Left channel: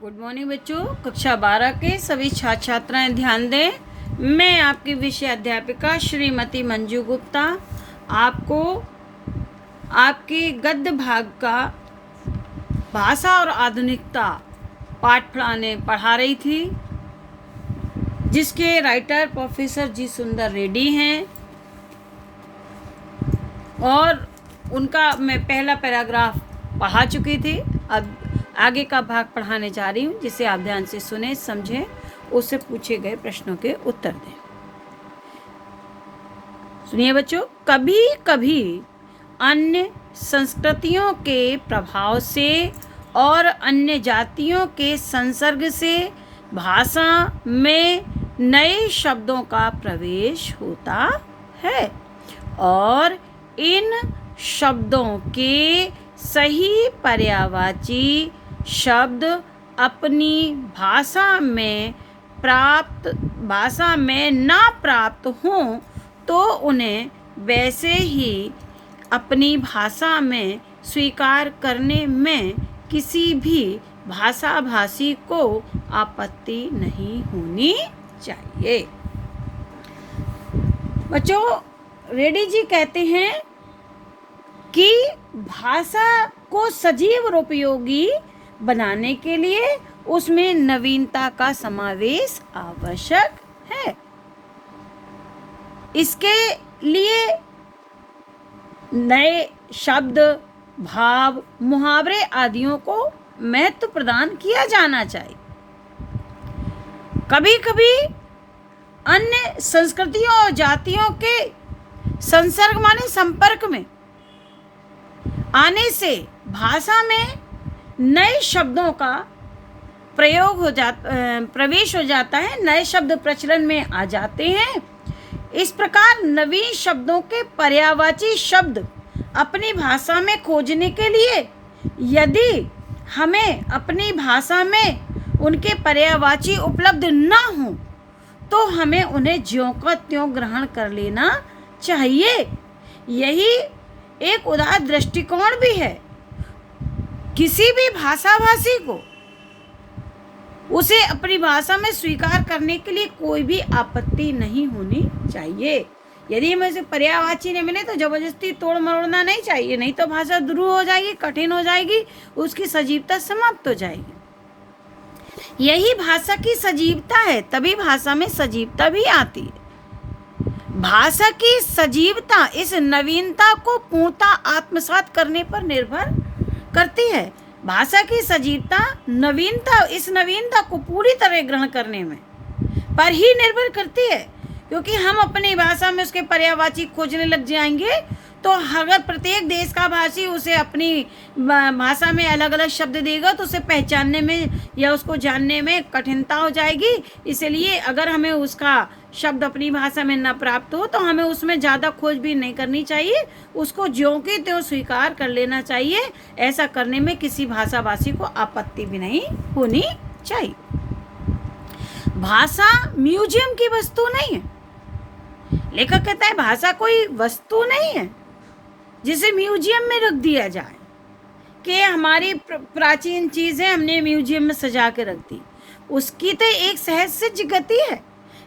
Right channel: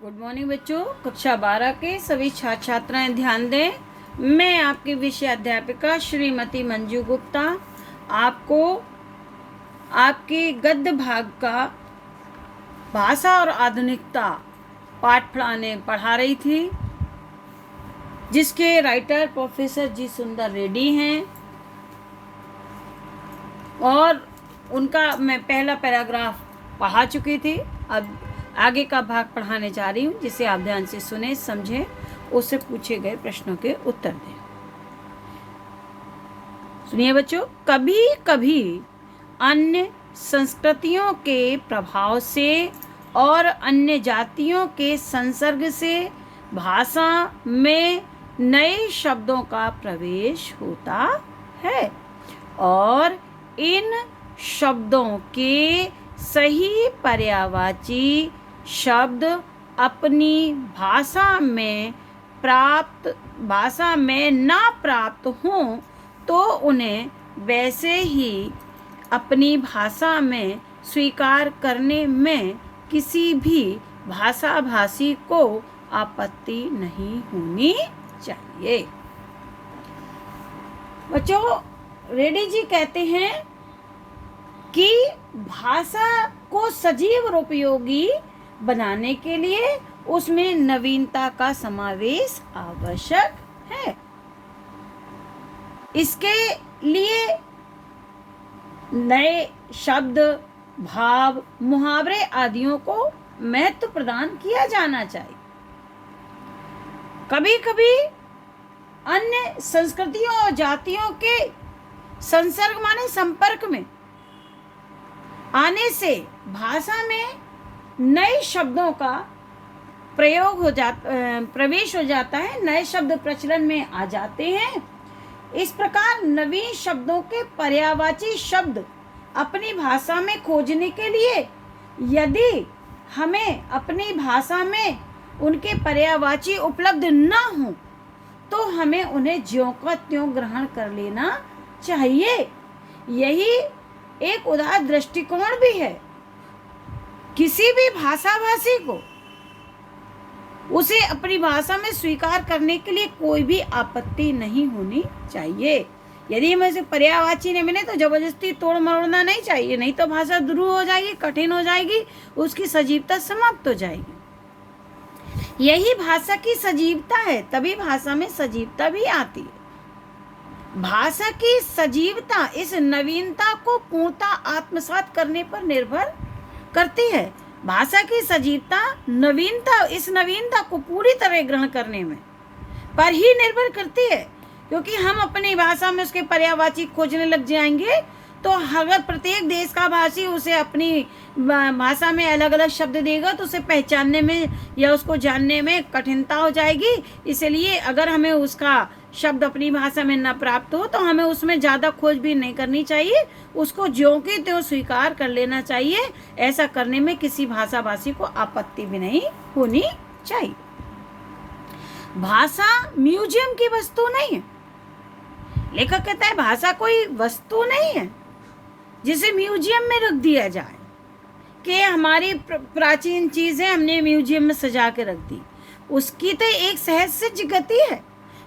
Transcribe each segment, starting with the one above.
Good morning बच्चों। कक्षा 12 के सभी छात्र छात्राएं ध्यान दें। मैं आपकी विषय अध्यापिका श्रीमती मंजू गुप्ता आपको आपकी गद्य भाग का भाषा और आधुनिकता पाठ पढ़ा रही थी, जिसके राइटर प्रोफेसर जी सुंदर रेड्डी हैं और उनका मैं पहला पैराग्राफ पढ़ा चुकी थी। अब आगे का भाग पढ़ाने जा रही हूँ, जिसे आप ध्यान से सुने, समझें, उससे पूछे गए प्रश्नों के उत्तर दें। सुनिए बच्चों, कभी कभी अन्य संस्कृतियों के प्रभाव से और अन्य जातियों के संसर्ग से भाषा में नए शब्दों का प्रवेश होता है और इन शब्दों के सही पर्यायवाची शब्द अपनी भाषा में ना प्राप्त हों तो उन्हें वैसे ही अपनी भाषा में स्वीकार करने में किसी भी भाषा भाषी को आपत्ति नहीं होनी चाहिए। बच्चों, रेड्डी जी कहते हैं कि भाषा को सजीव और उपयोगी बनाने के लिए उसमें नवीनता का समावेश आवश्यक है। इसके लिए नए शब्द, भाव, मुहावरे आदियों को महत्व प्रदान किया जाना चाहिए। कभी कभी अन्य संस्कृतियों और जातियों के संसर्ग माने संपर्क में आने से भाषा में नए शब्दों का प्रवेश हो जाता है, नए शब्द प्रचलन में आ जाते हैं। इस प्रकार नवीन शब्दों के पर्यायवाची शब्द अपनी भाषा में खोजने के लिए यदि हमें अपनी भाषा में उनके पर्यायवाची उपलब्ध न हो तो हमें उन्हें ज्यों का त्यों ग्रहण कर लेना चाहिए। यही एक उदार दृष्टिकोण भी है। किसी भी भाषा भाषी को उसे अपनी भाषा में स्वीकार करने के लिए कोई भी आपत्ति नहीं होनी चाहिए। यदि हमें से पर्यायवाची नहीं मिले तो जबरदस्ती तोड़ मरोड़ना नहीं चाहिए, नहीं तो भाषा ध्रुव हो जाएगी, कठिन हो जाएगी, उसकी सजीवता समाप्त हो जाएगी। यही भाषा की सजीवता है, तभी भाषा में सजीवता भी आती है। भाषा की सजीवता इस नवीनता को पूर्णतः आत्मसात करने पर निर्भर करती है। भाषा की सजीवता इस नवीनता को पूरी तरह ग्रहण करने में पर ही निर्भर करती है, क्योंकि हम अपनी भाषा में उसके पर्यायवाची खोजने लग जाएंगे तो अगर प्रत्येक देश का भाषी उसे अपनी भाषा में अलग अलग शब्द देगा तो उसे पहचानने में या उसको जानने में कठिनता हो जाएगी। इसलिए अगर हमें उसका शब्द अपनी भाषा में न प्राप्त हो तो हमें उसमें ज़्यादा खोजबीन नहीं करनी चाहिए, उसको ज्यों की त्यों स्वीकार कर लेना चाहिए। ऐसा करने में किसी भाषा भाषी को आपत्ति भी नहीं होनी चाहिए। भाषा म्यूजियम की वस्तु नहीं है। लेखक कहता है भाषा कोई वस्तु नहीं है जिसे म्यूजियम में रख दिया जाए कि हमारी प्राचीन चीज़ें हमने म्यूजियम में सजा के रख दी। उसकी तो एक सहज सिद्ध गति है।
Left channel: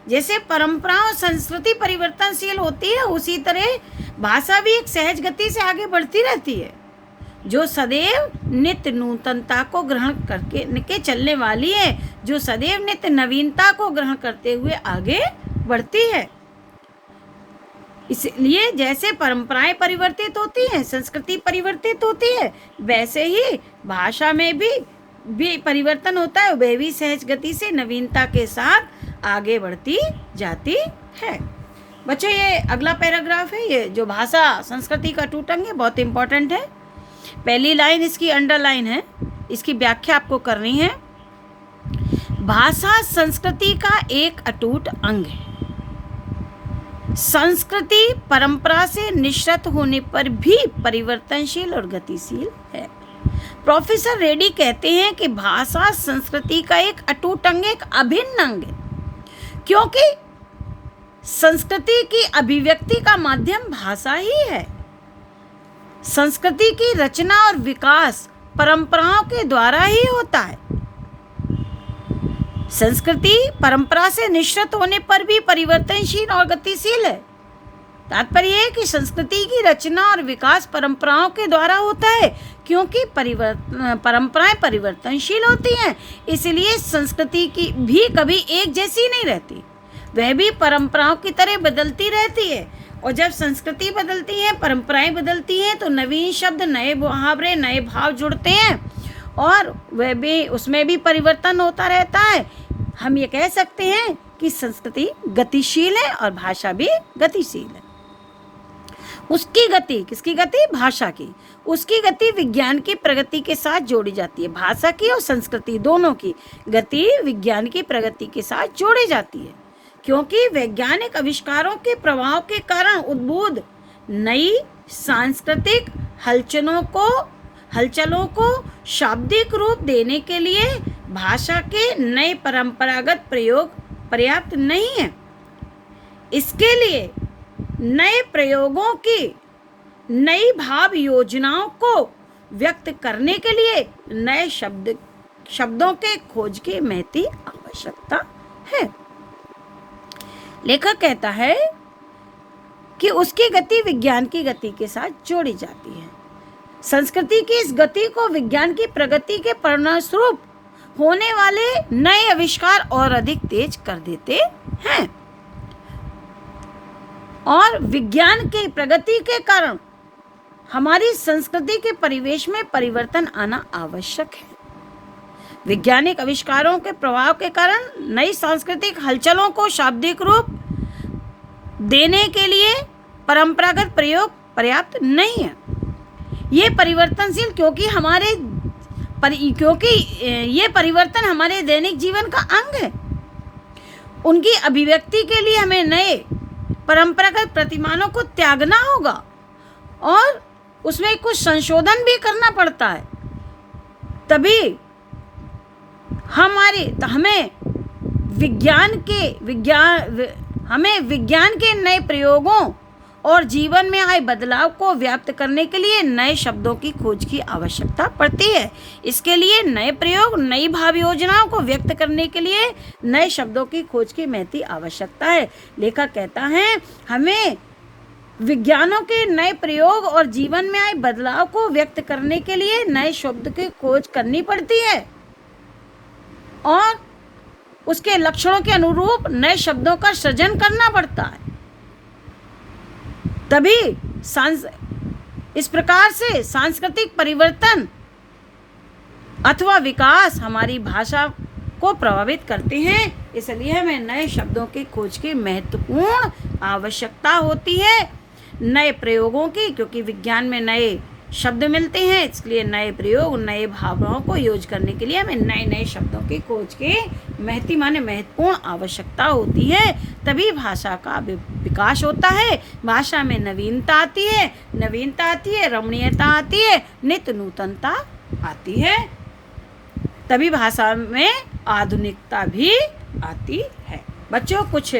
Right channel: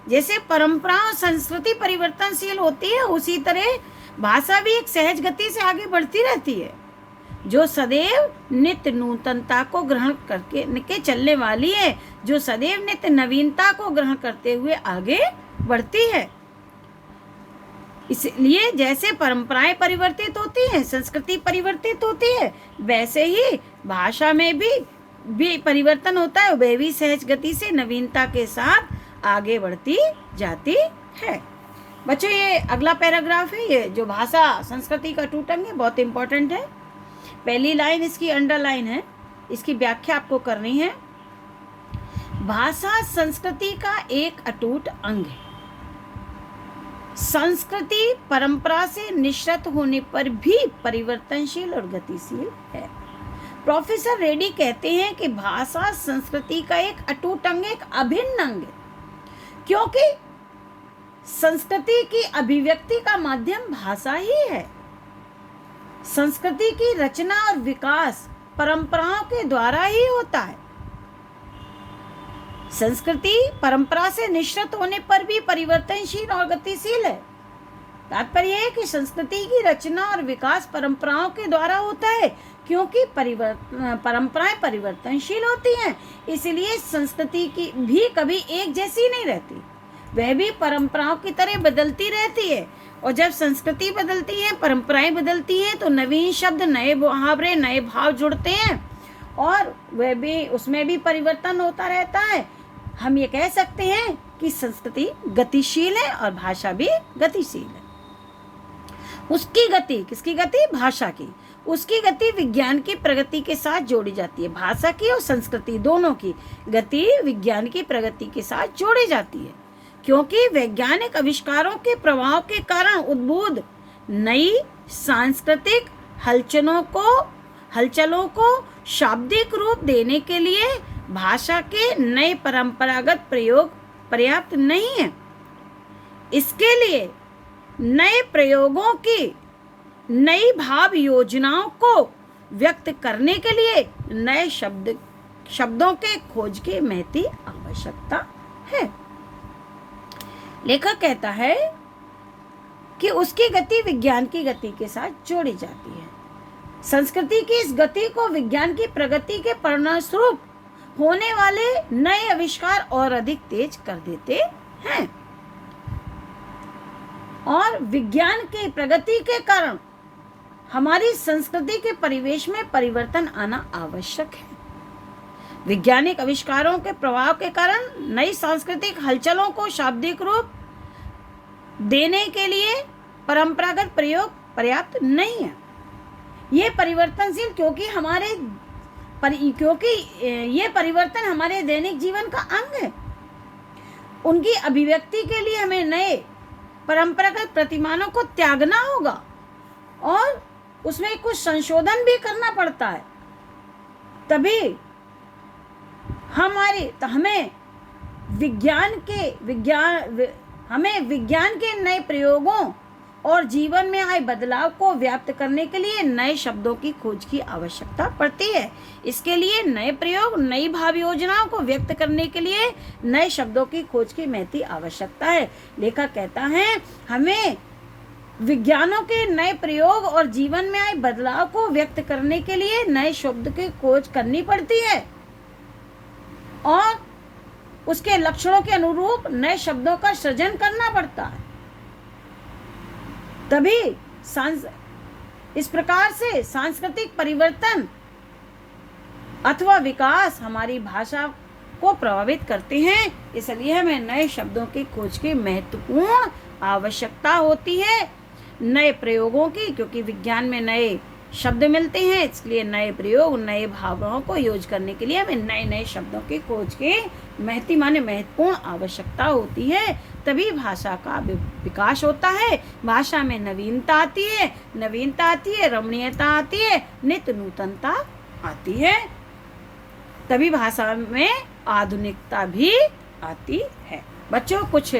जैसे परंपरा और संस्कृति परिवर्तनशील होती है, उसी तरह भाषा भी एक सहज गति से आगे बढ़ती रहती है, जो सदैव नित्य नूतनता को ग्रहण करके चलने वाली है, जो सदैव नित्य नवीनता को ग्रहण करते हुए आगे बढ़ती है। इसलिए जैसे परंपराएं परिवर्तित होती हैं, संस्कृति परिवर्तित होती है, वैसे ही भाषा में भी परिवर्तन होता है। वह भी सहज गति से नवीनता के साथ आगे बढ़ती जाती है। बच्चों, ये अगला पैराग्राफ है, ये जो भाषा संस्कृति का अटूट अंग है, बहुत इंपॉर्टेंट है। पहली लाइन इसकी अंडरलाइन है, इसकी व्याख्या आपको करनी है। भाषा संस्कृति का एक अटूट अंग है। संस्कृति परंपरा से निश्चित होने पर भी परिवर्तनशील और गतिशील है। प्रोफेसर रेड्डी कहते हैं कि भाषा संस्कृति का एक अटूट अंग, एक अभिन्न अंग है, क्योंकि संस्कृति की अभिव्यक्ति का माध्यम भाषा ही है। संस्कृति की रचना और विकास परंपराओं के द्वारा ही होता है। संस्कृति परंपरा से निश्चित होने पर भी परिवर्तनशील और गतिशील है। तात्पर्य है कि संस्कृति की रचना और विकास परंपराओं के द्वारा होता है, क्योंकि परंपराएं परिवर्तनशील होती हैं, इसलिए संस्कृति की भी कभी एक जैसी नहीं रहती, वह भी परंपराओं की तरह बदलती रहती है। और जब संस्कृति बदलती है, परंपराएं बदलती हैं, तो नवीन शब्द, नए मुहावरे, नए भाव जुड़ते हैं और वह भी उसमें भी परिवर्तन होता रहता है। हम ये कह सकते हैं कि संस्कृति गतिशील है और भाषा भी गतिशील है। उसकी गति, किसकी गति? भाषा की। उसकी गति विज्ञान की प्रगति के साथ जोड़ी जाती है। भाषा की और संस्कृति दोनों की गति विज्ञान की प्रगति के साथ जोड़ी जाती है, क्योंकि वैज्ञानिक आविष्कारों के प्रभाव के कारण उद्भूत नई सांस्कृतिक हलचलों को शाब्दिक रूप देने के लिए भाषा के नए परंपरागत प्रयोग पर्याप्त नहीं है। इसके लिए नए प्रयोगों की, नई भाव योजनाओं को व्यक्त करने के लिए नए शब्दों के खोज की महती आवश्यकता है। लेखक कहता है कि उसकी गति विज्ञान की गति के साथ जोड़ी जाती है। संस्कृति की इस गति को विज्ञान की प्रगति के परिणामस्वरूप होने वाले नए आविष्कार और अधिक तेज कर देते हैं, और विज्ञान की प्रगति के कारण हमारी संस्कृति के परिवेश में परिवर्तन आना आवश्यक है। वैज्ञानिक आविष्कारों के प्रभाव के कारण नई सांस्कृतिक हलचलों को शाब्दिक रूप देने के लिए परंपरागत प्रयोग पर्याप्त नहीं है। ये परिवर्तनशील क्योंकि ये परिवर्तन हमारे दैनिक जीवन का अंग है। उनकी अभिव्यक्ति के लिए हमें नए परंपरागत प्रतिमानों को त्यागना होगा और उसमें कुछ संशोधन भी करना पड़ता है, तभी हमें विज्ञान के नए प्रयोगों और जीवन में आए बदलाव को व्याप्त करने के लिए नए शब्दों की खोज की आवश्यकता पड़ती है। इसके लिए नए प्रयोग, नई भाव योजनाओं को व्यक्त करने के लिए नए शब्दों की खोज की महती आवश्यकता है। लेखक कहता है हमें विज्ञानों के नए प्रयोग और जीवन में आए बदलाव को व्यक्त करने के लिए नए शब्द की खोज करनी पड़ती है और उसके लक्षणों के अनुरूप नए शब्दों का सृजन करना पड़ता है। तभी इस प्रकार से सांस्कृतिक परिवर्तन अथवा विकास हमारी भाषा को प्रभावित करते हैं। इसलिए हमें नए शब्दों की खोज की महत्वपूर्ण आवश्यकता होती है, नए प्रयोगों की, क्योंकि विज्ञान में नए शब्द मिलते हैं, इसलिए नए प्रयोग, नए भावनाओं को यूज करने के लिए हमें नए नए शब्दों की खोज के महत्वपूर्ण आवश्यकता होती है। तभी भाषा का विकास होता है, भाषा में नवीनता आती है, रमणीयता आती है, नित्य नूतनता आती है, तभी भाषा में आधुनिकता भी आती है। बच्चों, कुछ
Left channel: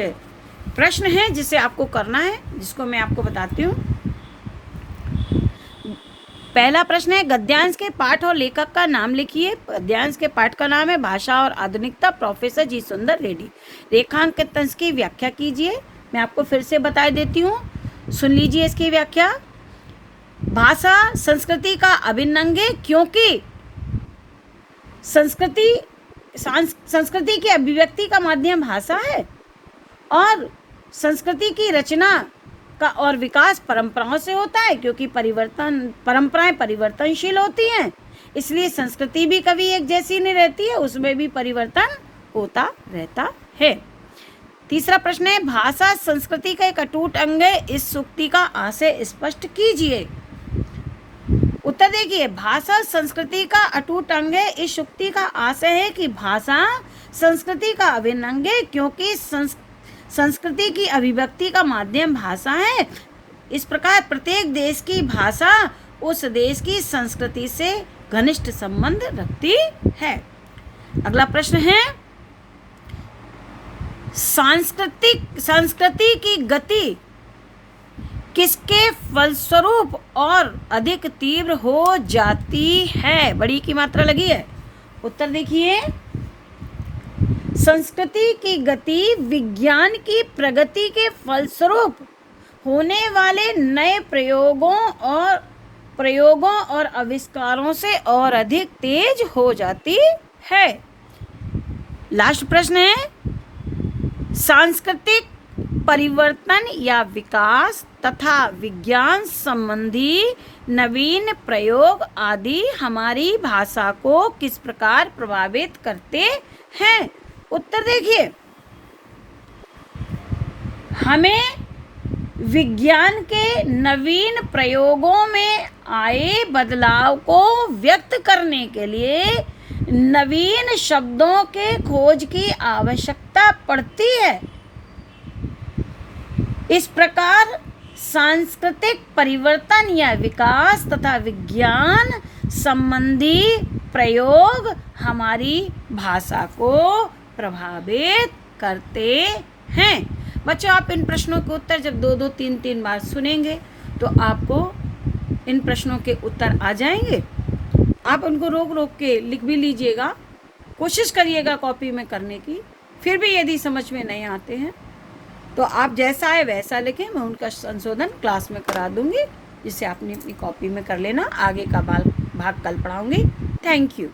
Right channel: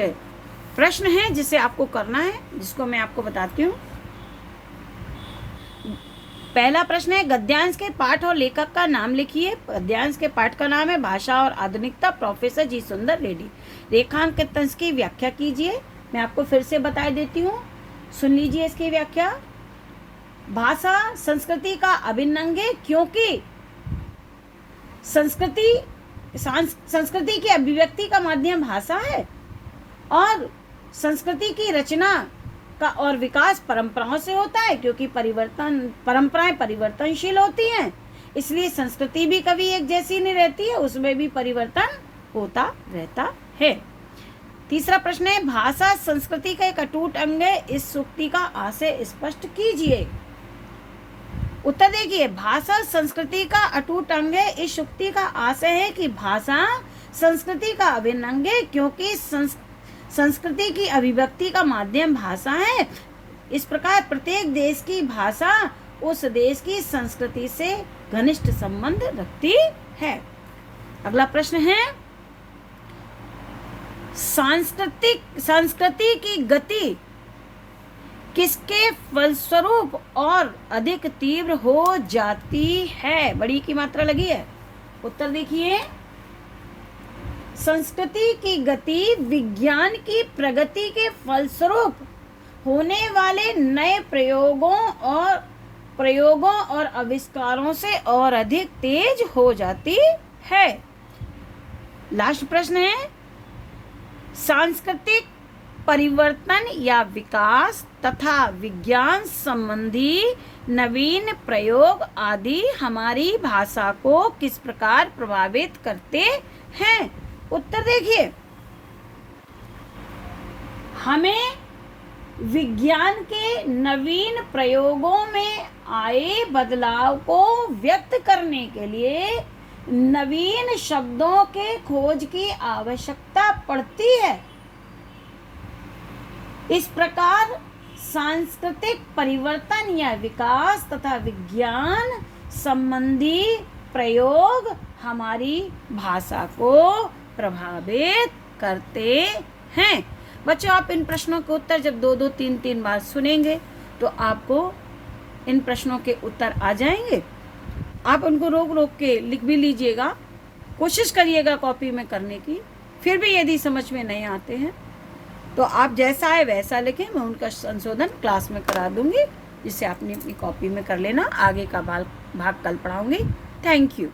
प्रश्न हैं जिसे आपको करना है, जिसको मैं आपको बताती हूँ। पहला प्रश्न है, गद्यांश के पाठ और लेखक का नाम लिखिए। गद्यांश के पाठ का नाम है भाषा और आधुनिकता, प्रोफेसर जी सुंदर रेड्डी। रेखांकन की व्याख्या कीजिए। मैं आपको फिर से बता देती हूँ, सुन लीजिए इसकी व्याख्या। भाषा संस्कृति का अभिन्न अंग है, क्योंकि संस्कृति की अभिव्यक्ति का माध्यम भाषा है और संस्कृति की रचना का और विकास परंपराओं से होता है, क्योंकि परंपराएं परिवर्तनशील होती हैं, इसलिए संस्कृति भी कभी एक जैसी नहीं रहती है, उसमें भी परिवर्तन होता रहता है। तीसरा प्रश्न है, भाषा संस्कृति का एक अटूट अंग है, इस सूक्ति का आशय स्पष्ट कीजिए। उत्तर देखिए, भाषा संस्कृति का अटूट अंग है, इस सूक्ति का आशय है कि भाषा संस्कृति का अभिन्न अंग है, क्योंकि संस्कृति की अभिव्यक्ति का माध्यम भाषा है। इस प्रकार प्रत्येक देश की भाषा उस देश की संस्कृति से घनिष्ठ संबंध रखती है। अगला प्रश्न है, संस्कृति की गति किसके फलस्वरूप और अधिक तीव्र हो जाती है? बड़ी की मात्रा लगी है। उत्तर देखिए, संस्कृति की गति विज्ञान की प्रगति के फलस्वरूप होने वाले नए प्रयोगों और आविष्कारों से और अधिक तेज हो जाती है। लास्ट प्रश्न है, सांस्कृतिक परिवर्तन या विकास तथा विज्ञान संबंधी नवीन प्रयोग आदि हमारी भाषा को किस प्रकार प्रभावित करते हैं? उत्तर देखिए, हमें विज्ञान के नवीन प्रयोगों में आए बदलाव को व्यक्त करने के लिए नवीन शब्दों के खोज की आवश्यकता पड़ती है। इस प्रकार सांस्कृतिक परिवर्तन या विकास तथा विज्ञान संबंधी प्रयोग हमारी भाषा को प्रभावित करते हैं। बच्चों, आप इन प्रश्नों के उत्तर जब 2-2, 3-3 बार सुनेंगे तो आपको इन प्रश्नों के उत्तर आ जाएंगे। आप उनको रोक रोक के लिख भी लीजिएगा, कोशिश करिएगा कॉपी में करने की। फिर भी यदि समझ में नहीं आते हैं तो आप जैसा है वैसा लिखें, मैं उनका संशोधन क्लास में करा दूंगी, जिससे आपने अपनी कॉपी में कर लेना। आगे का भाग कल पढ़ाऊंगी। Thank you.